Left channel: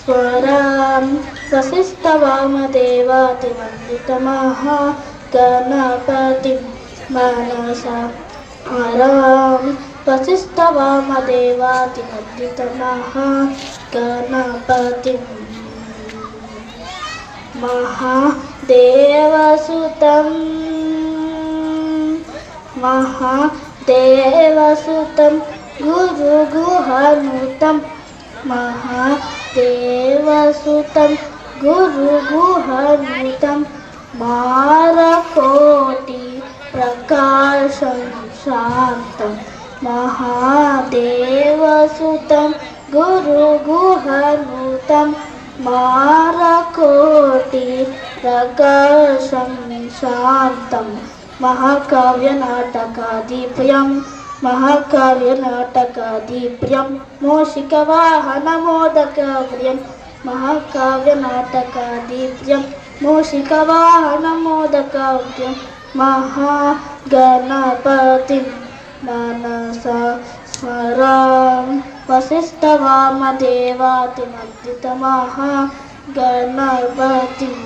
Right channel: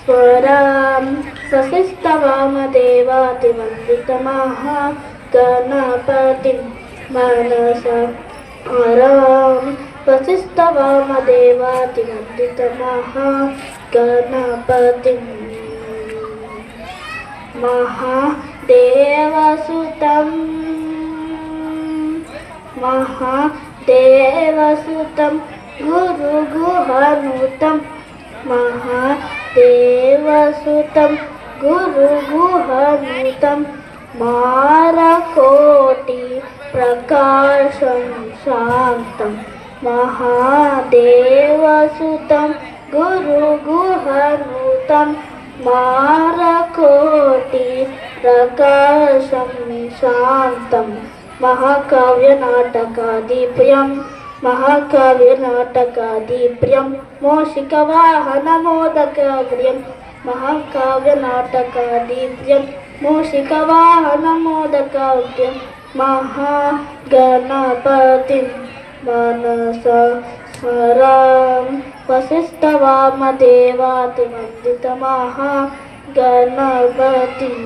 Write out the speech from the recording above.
స్మరాం వసిష్ఠవామదేవాతివందితమహాగణపతిం మనసా స్మరాం వసిష్ఠవామదేవాతివందితమహాగణపతిం మహాదేవసుతం గురుగుహనుతం మహాదేవసుతం గురుగుహనుతం మాలకోటి ప్రకాశం శాంతం మహాదేవసుతం గురుగుహనుతం మాలకోటి ప్రకాశం శాంతం మహాకావ్యనాటకాదిప్రియం మహాకావ్యనాటకాదిప్రియం మూషికవాహనమోదకప్రియం మహాకావ్యనాటకాదిప్రియం మూషికవాహనమోదకప్రియం మహాగణపతిం మనసా స్మరామి వసిష్ఠవామదేవాతివందితమహాగణపతిం